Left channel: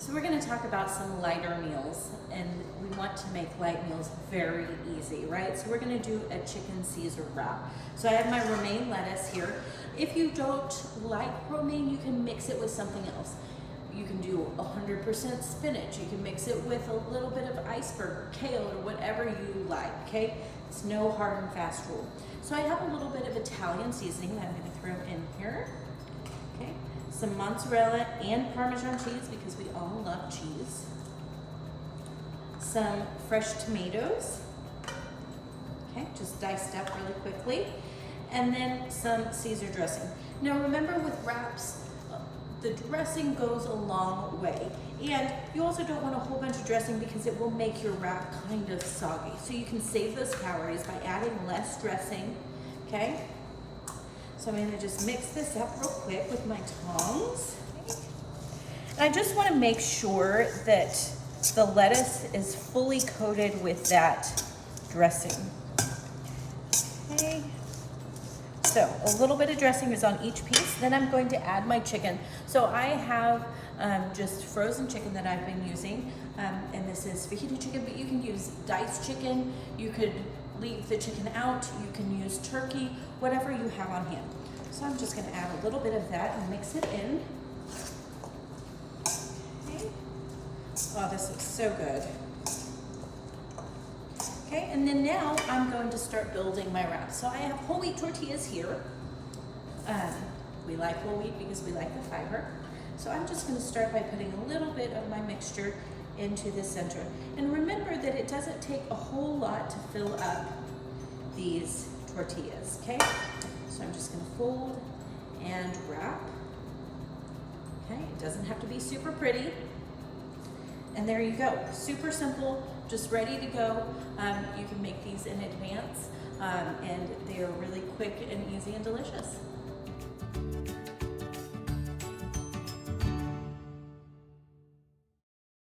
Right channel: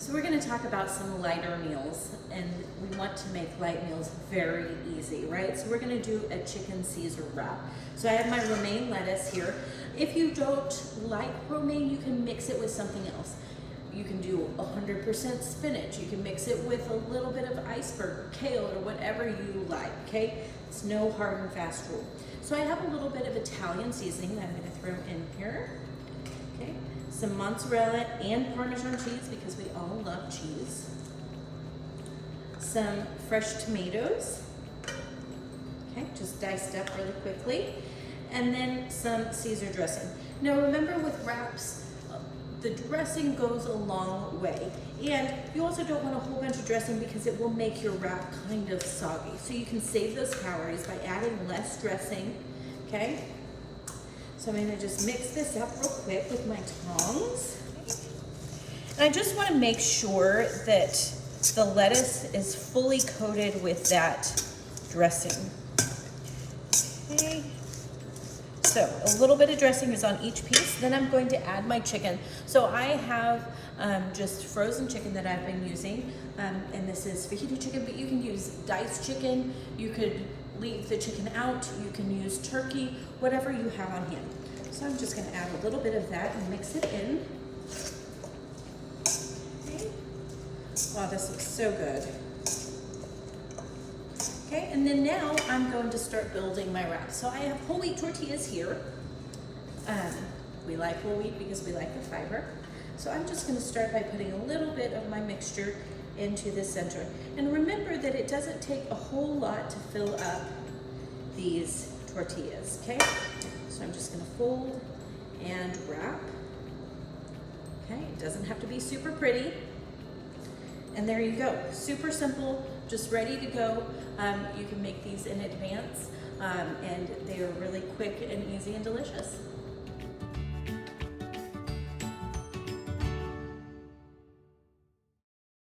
So we're going to talk about some lighter meals, and we want to make light meals very easy, right? So we're going to do a chicken Caesar wrap. So I have my romaine lettuce here. If you don't like romaine, you can mix it with something else. You can do 100% spinach. You can mix it with a little bit of iceberg or kale or whatever you like, okay? It's no hard and fast rule. So I have a little bit of Italian seasoning that I'm going to throw in here. Okay, some mozzarella and Parmesan cheese because we all love cheese. Some fresh tomatoes, okay, just diced up really quickly. And then some Caesar dressing. Now remember with wraps, the dressing goes a long way. And you also don't want a whole bunch of dressing because it will make your wrap kind of soggy. So you can save those calories by adding less dressing, okay? So I'm gonna just mix this up real quick with my tongs. And I just wanna make sure that the lettuce is fully coated with that dressing. Okay. So a little bit of dressing is on each piece. Then I'm going to add my chicken. So I have just frozen chicken that I've been using. And this is fajita chicken, but you can use diced chicken. You could leave the chicken out. You can use turkey, whatever you have on hand. So I'm just gonna add a little bit of that and mix it in. Okay. Oh, this looks so good. Okay, and then now I'm going to start building my wrap. So I have whole wheat tortillas here. We like whole wheat because we like the fiber. So I'm just gonna start by putting a little bit of my mixture into the center. And remember that it doesn't take a whole lot to fill up these tortillas, okay? So I'm just gonna fold and wrap. Okay, it doesn't have to be super pretty. And there you go, super simple, just ready to go. You can make these in advance, and they're really quick and easy and delicious.